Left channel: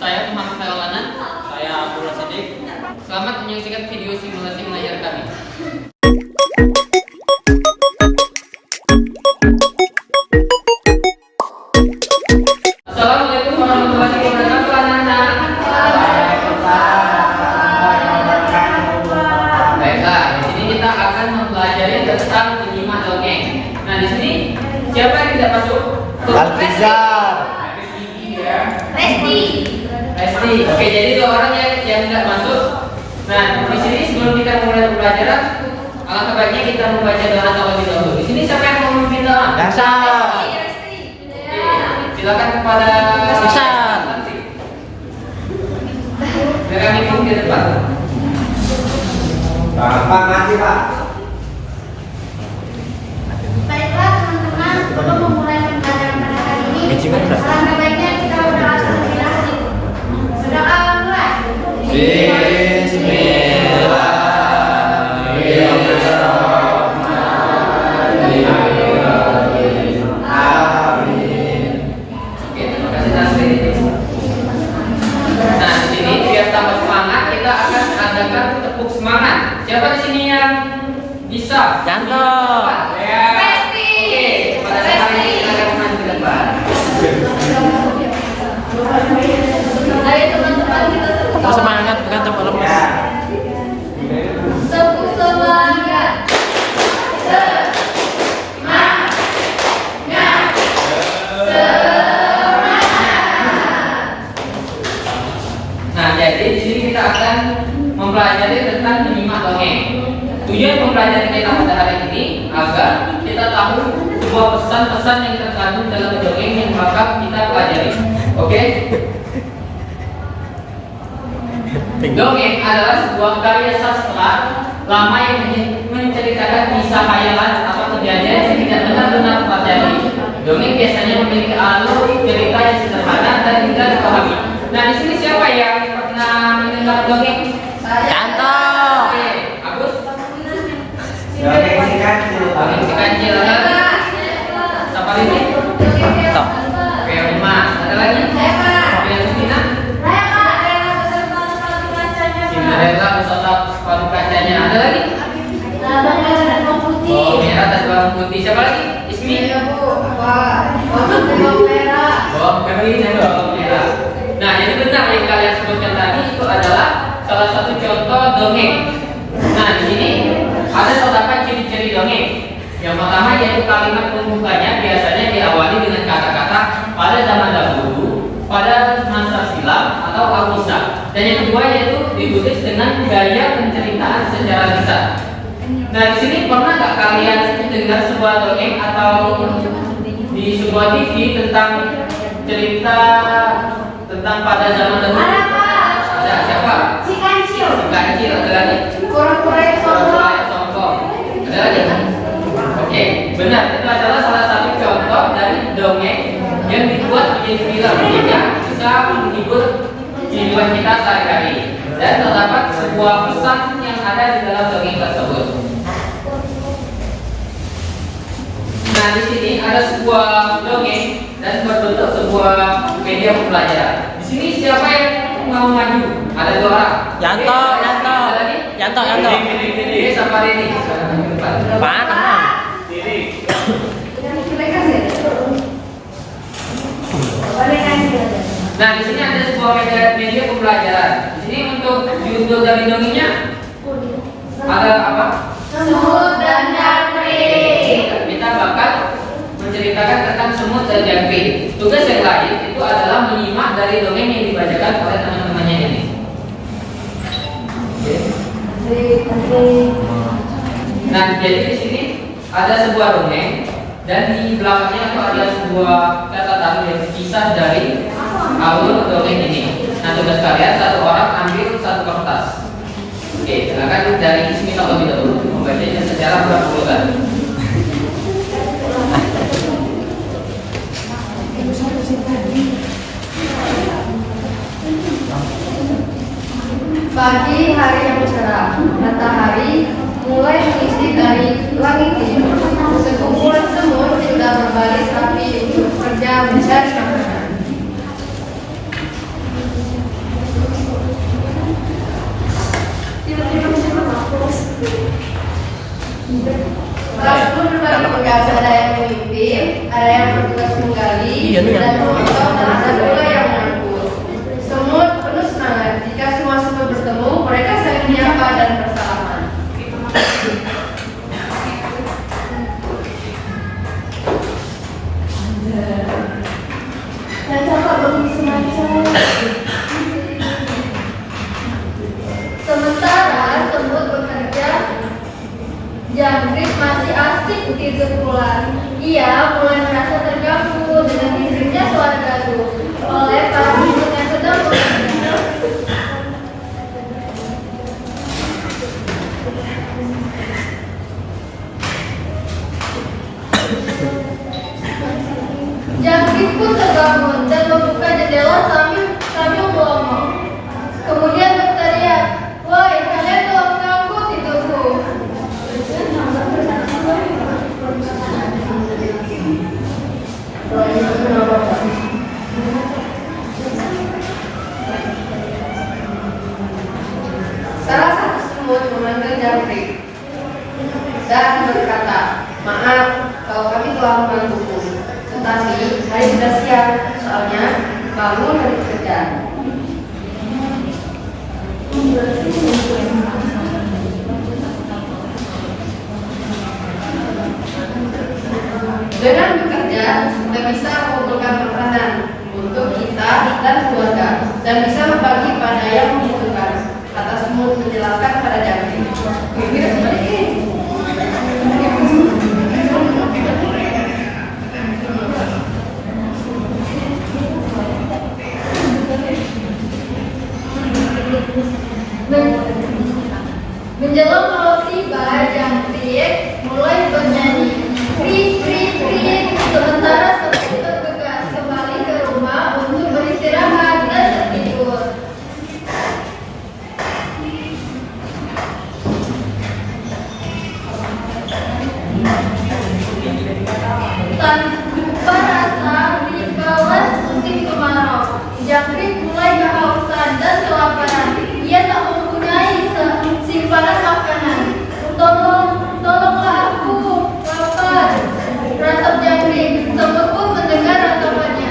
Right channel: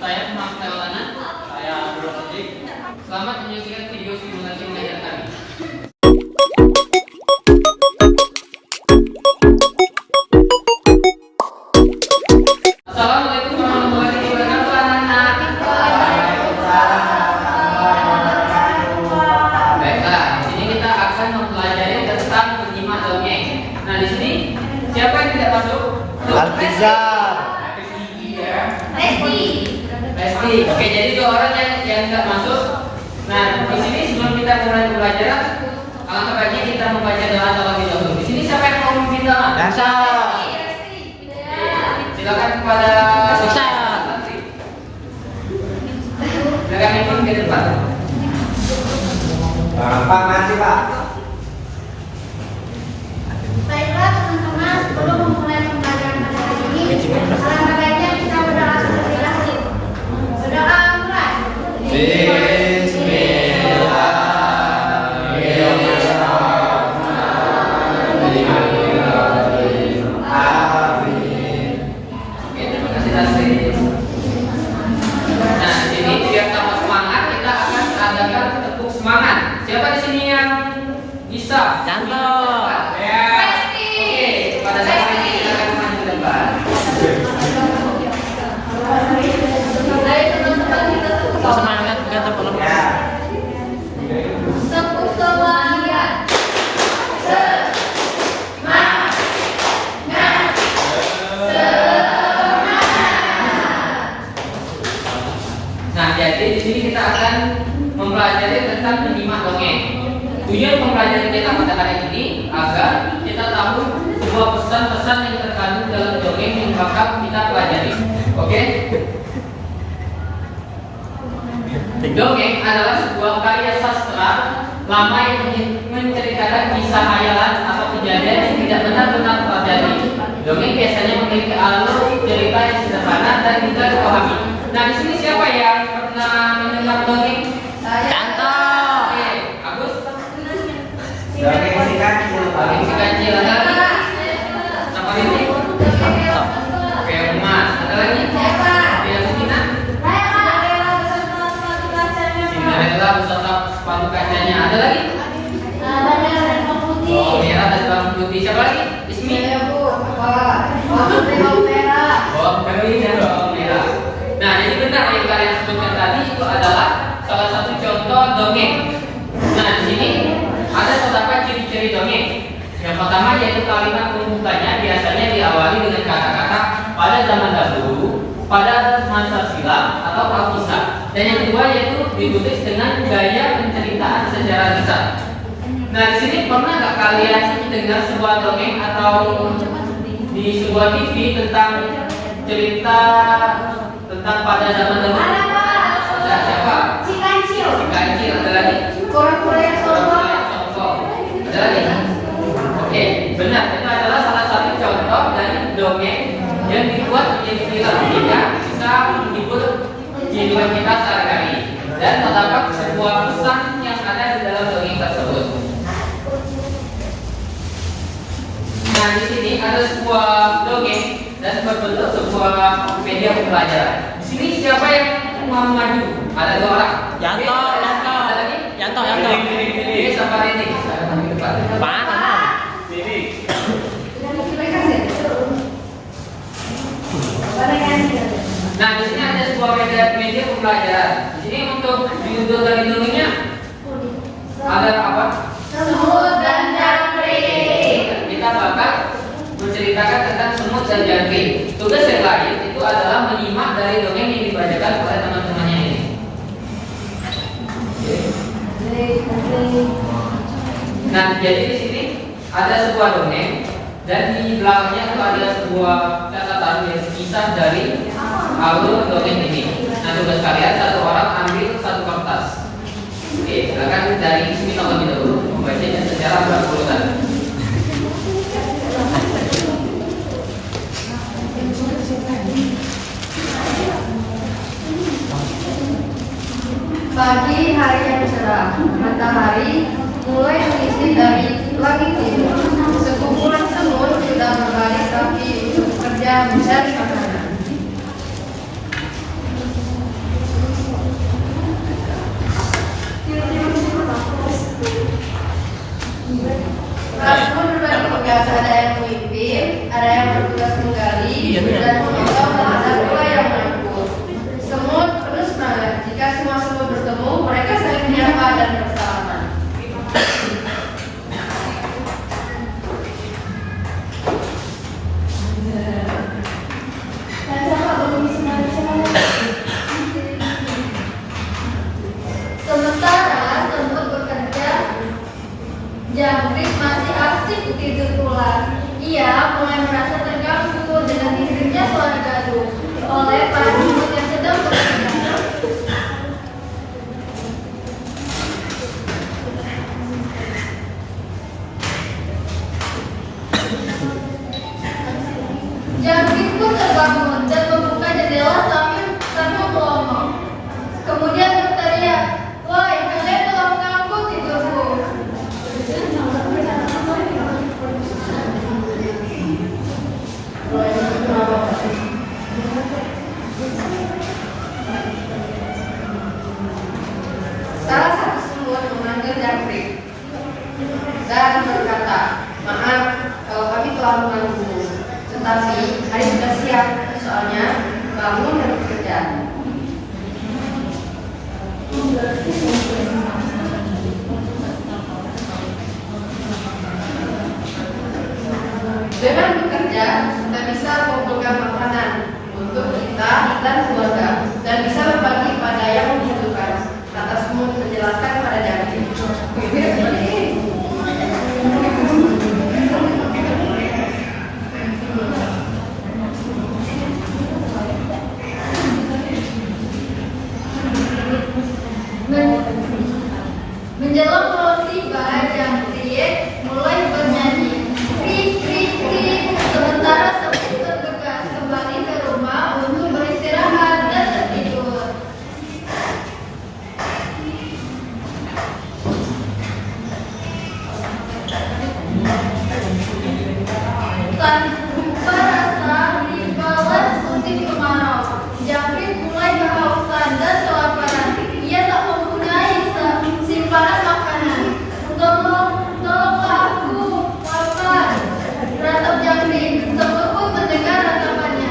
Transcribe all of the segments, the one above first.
saya Muhammad Maulana. Saya Abdullah Siddiq. Selamat menyaksikan video simulasi mengajar kami. Assalamualaikum warahmatullahi wabarakatuh, anak-anak. Baiklah, di sini kita akan mempelajari tentang penyimak dongeng. Nah, di sini siapa yang tidak masuk? Al-Fizar. Pasti. Oke, jadi dua orang yang tidak masuk. Nah, di sini sebelum kita mulai pembelajaran, alangkah baiknya kita membaca doa terlebih dahulu. Di sini siapa yang mau memimpin doa? Silakan kepada Sisa. Dari kami pun di depan. Pak mati Pak. Baiklah teman-teman, sebelum memulai pembelajaran pada hari ini, alangkah baiknya kita berdoa terlebih dahulu. Berdoa mulai. Oke, terima kasih Tasri. Nah, di sini biar tambah semangat, kita akan adakan tepuk semangat. Siapa di sini yang bisa? Janto. Ya. Oke, pada saat ini kita akan maju ke depan. Ayo teman-teman kita tepuk Semangat bukan tepuk lemas. Tepuk semangat. Nah, jadi di sini kita akan mempelajari tentang menyimak dongeng. Tujuan pembelajaran kita pada hari ini agar kita tahu sebuah pesan-pesan yang terkandung dalam dongeng yang bakal kita pelajari. Oke? Dongeng adalah sebuah karya sastra lama yang menceritakan kisah khayalan atau kejadian yang tidak benar-benar terjadi. Dongeng biasanya memiliki alur cerita yang sederhana dan mudah dipahami. Nah, di sini siapa yang pernah mendengar dongeng? Janto. Oke, Agus. Dongeng si kancil. Dongeng si kancil ada lagi? Siapa ini? Oke, Emas. Ada lagi? Oke, Justina. Cinderella beserta sepatu kacanya. Ada lagi? Oh, merah dan bawang putih. Siapa lagi? Ismi. Oh, kami ini bawang merah. Nah, jadi benar yang kalian sebutkan tadi itu adalah salah satu contoh dongeng. Nah, di sini ada terdapat ciri-ciri dongeng. Yang pertama yaitu kalimat pembukanya biasanya diawali dengan kata-kata pada zaman dahulu, pada masa silam atau alkisah. Dan yang kedua yaitu ditulis dengan gaya penceritaan secara lisan. Nah, di sini pernah nggak kalian dengar sebuah dongeng atau di sebuah TV tentang cerita tentang pada zaman dahulu? Ada siapa? Si kancil. Si kancil. Ada lagi? Kura-kura yang sombong. Sombong. Ada lagi? Oke, benar. Itu adalah salah satu contoh dari dongeng yang dibuat menjadi film sehingga bisa menghibur kehidupan kita sehari-hari. Dan terdapat sebuah pesan yang ada di dalam dongeng tersebut. Nah, di sini ada sebuah dongeng dan berbentuk sebuah media pembelajaran. Di sini siapa yang mau maju? Ada dua orang. Janto, Oke, Janto. ada lagi? Janto. Ini siapa ini? Pak, teman. Nah, di sini ada sebuah media pembelajaran. Di sini untuk diundur dari dongengnya ada apa? Semut dan jangkrik. Kita bakal menceritakan tentang semut dan jangkrik. Tugas yang lain itu adalah menyimak dari dongeng yang dibacakan oleh teman-temannya ini. Oke. Nah, jadi di sini ada sebuah dongeng dan di belakangnya itu ada sebuah catatan yang kisah dari alur dongeng ini. Nah, tugas kalian satu orang ambil satu kertas. Oke, silakan dari Ismi terlebih dahulu membacanya secara berurutan. Pagi hari yang cerah, matahari mulai mengisi dari langit biru. Sekumpulan semut sudah berbaris rapi untuk bekerja mencari makanan. jangkrik dan berkata, "Maaf kalau kami telah mengganggumu, tetapi hari sudah siap, soalnya kamu dari kerja." Dengan bekerja, kita bisa mengumpulkan makanan untuk kita dan keluarga, dan bisa berbagi pada yang membutuhkan. Kata Semut menjelaskan pada Jangkrik. Menjelang malam tiba, Jangkrik mulai bernyanyi. Krik, krik, krik. Sementara Semut bergegas kembali ke rumah untuk beristirahat dan tertidur. Tanpa rasa ribawan musim kemarau, Jangkrik mulai kehausan dan kelaparan. Ia tak mempunyai simpanan makanan. Tolonglah aku, lapar, ratap Jangkrik. Semut pun mendengar ratapannya.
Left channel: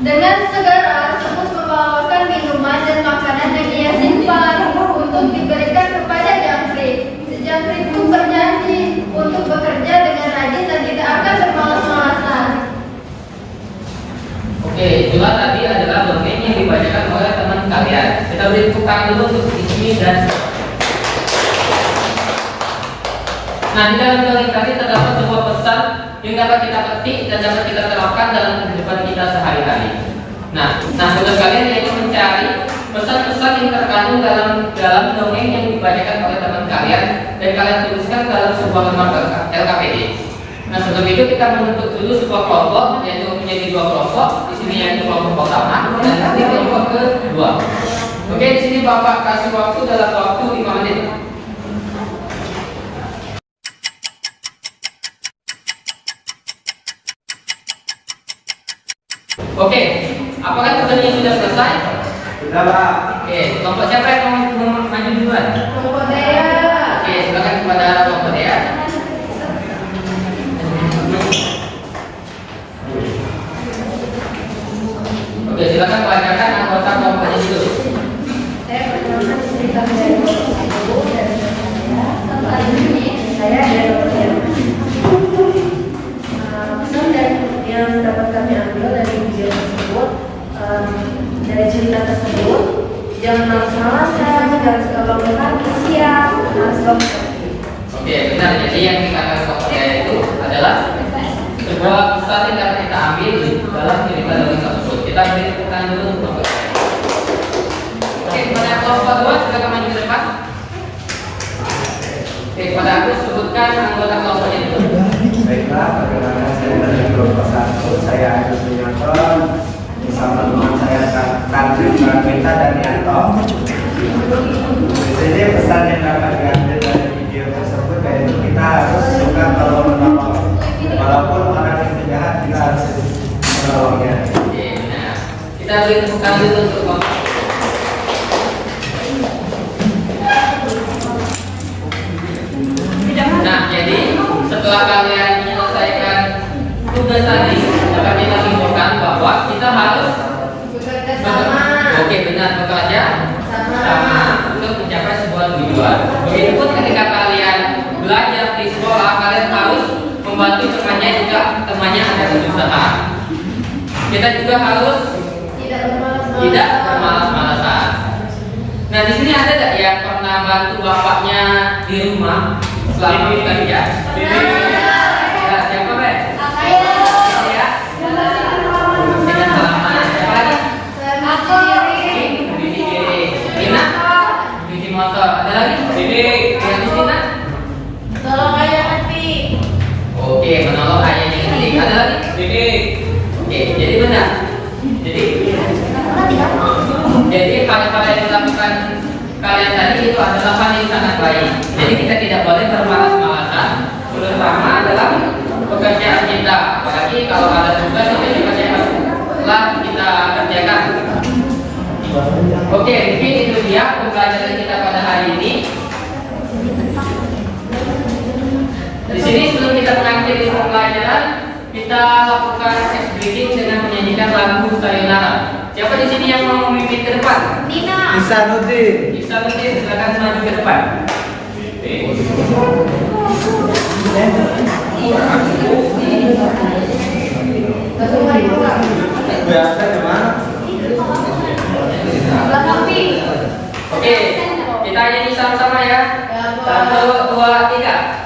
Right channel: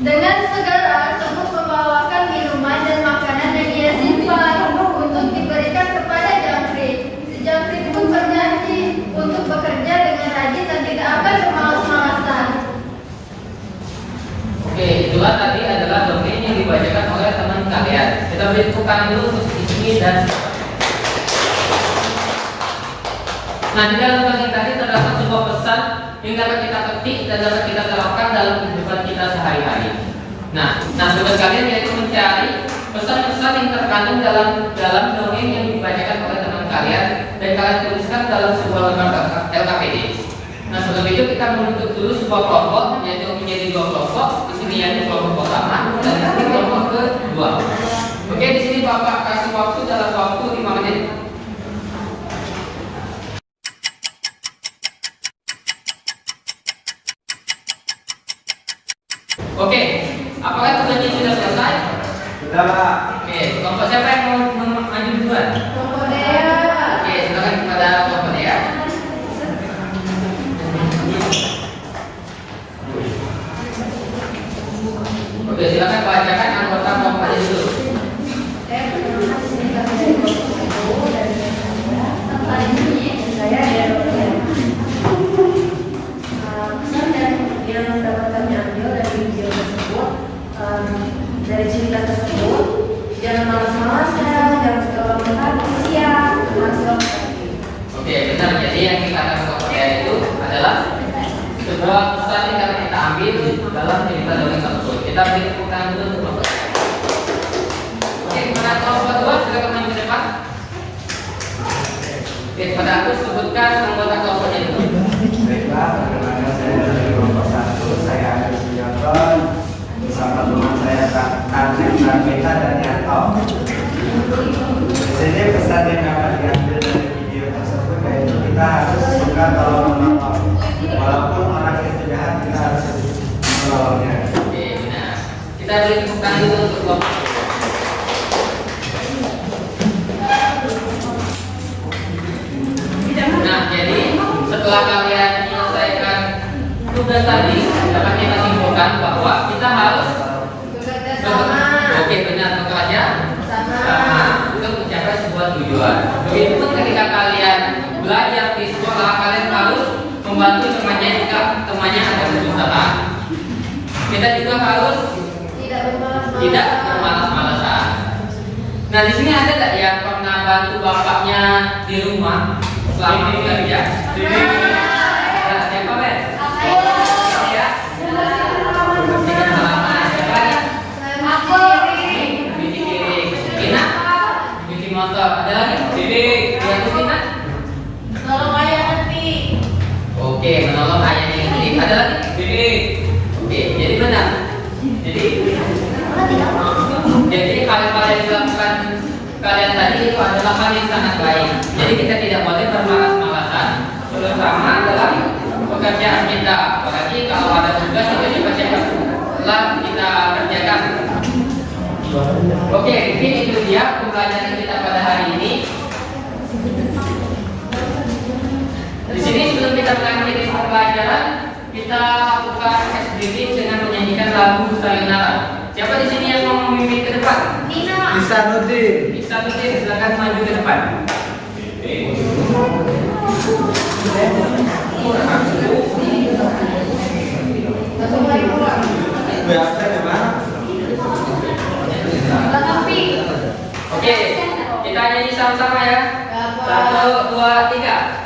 Dengan segera, Semut membawakan minuman dan makanan yang ia simpan untuk diberikan kepada Jangkrik. Si Jangkrik pun berjanji untuk bekerja dengan rajin dan tidak akan bermalas-malasan. Oke, itulah tadi adalah dongeng yang dibacakan oleh teman kalian. Kita beri tepuk tangan dulu untuk Ismi dan. Nah, di dalam dongeng tadi terdapat sebuah pesan yang dapat kita petik dan dapat kita terapkan dalam kehidupan kita sehari-hari. Nah, tugas kalian yaitu mencari pesan-pesan yang terkandung dalam dongeng yang dibacakan oleh teman kalian dan kalian tuliskan dalam sebuah lembar LKPD. Nah, sebelum itu kita membentuk dulu sebuah kelompok, yaitu menjadi dua kelompok. Di sini yaitu kelompok pertama dan nanti kelompok kedua. Oke, di sini Bapak kasih waktu dalam waktu 5 menit. Oke, apakah tugasnya sudah selesai? Sudah, Pak. Oke, kelompok siapa yang mau maju duluan? Kelompok Dea. Oke, silakan kepada kelompok Dea. Oke, silakan bacakan anggota kelompoknya dulu. Saya perkenalkan di sini kami dari kelompok 1 dan hari ini saya dari Roya. Pesan yang dapat kami ambil dari video tersebut, dari cerita tersebut, jangan malas-malasan, jangan suka bangun pagi, siang, harus bangun pagi. Oke, benar. Jadi yang dikatakan kelompok Dea itu adalah sebuah pesan yang dapat kita ambil di dalam cerita dongeng tersebut. Kita beri tepuk tangan dulu untuk kelompok. Oke, kepada kelompok 2 silakan maju ke depan. Oke, kepada aku sebutkan anggota kelompoknya dulu. Baiklah, perkenalkan saya dari kelompok 1. Saya Agus Suyanton bersama teman saya Karmita dan Yanto. Di sini pesan yang dapat diambil dari video tersebut yaitu kita harus suka tolong menolong. Walaupun orang itu jahat, kita harus menolongnya. Oke, benar. Kita beri tepuk tangan dulu untuk kelompok. Nah, jadi setelah kalian menyelesaikan tugas tadi, dapat kita simpulkan bahwa kita harus Bekerja sama. Oke, benar, bekerja sama untuk mencapai sebuah tujuan. Begitupun ketika kalian belajar di sekolah, kalian harus membantu temannya jika temannya ada kesusahan. Kita juga harus tidak bermalas-malasan. Nah, di sini ada nggak yang pernah bantu bapaknya di rumah selama bekerja? Nah, siapa be? Ini ya. Dengan salaman. Siapa lagi? Cuci piring. Tina? Cuci motor. Ada lagi? Yang Tina? Tolong ayah mati. Oke, menolong ayahnya ini. Ada lagi? Oke, jadi benar. Jadi hal-hal yang dilakukan kalian tadi itu adalah hal yang sangat baik. Jadi kita tidak boleh bermalas-malasan, terutama dalam pekerjaan kita. Apalagi kalau ada tugas itu cepat-cepat Oke, mungkin itu dia pembelajaran kita pada hari ini. Di sini sebelum kita mengakhiri pembelajaran, kita lakukan ice breaking dengan menyanyikan lagu Sayonara. Siapa di sini yang mau memimpin ke depan? Nina. Isanuddin. Bisa berarti silakan maju ke depan. Biasa di mana? Oke, kita nyanyi sama-sama ya. 1, 2, 3.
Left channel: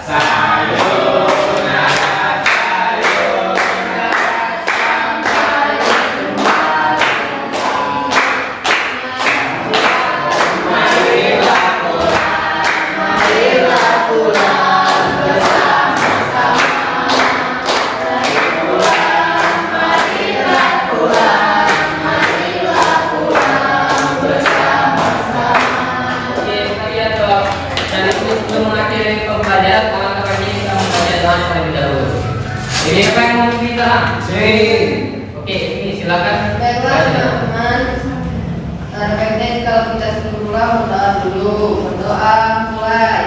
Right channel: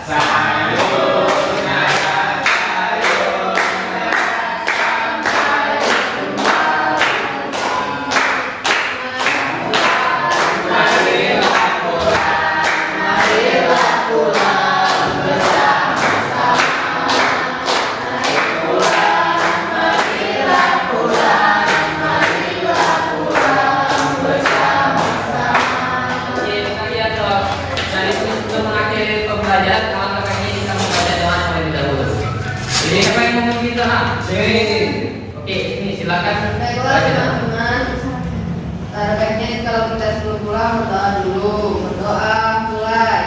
Oke, kita lihat dong. Dari sebelum mengakhiri pembelajaran, kawan-kawan ini kita membaca doa terlebih dahulu. Jadi siapa yang mau memimpin doa? Oke, ini silakan. Baiklah baca doa. teman-teman. Ada baiknya kalau kita sebelum pulang berdoa dulu. Berdoa mulai.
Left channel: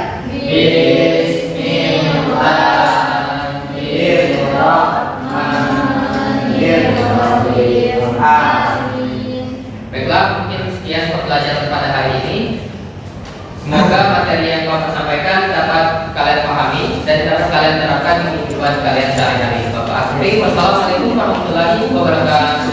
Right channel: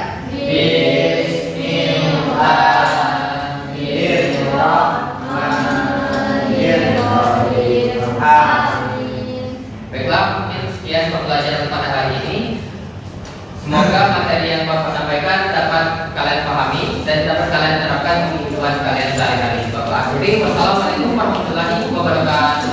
Baiklah, mungkin sekian pembelajaran pada hari ini. Semoga materi yang Bapak sampaikan dapat kalian pahami dan dapat kalian terapkan di kehidupan kalian sehari-hari. Bapak akhiri, wassalamualaikum warahmatullahi wabarakatuh.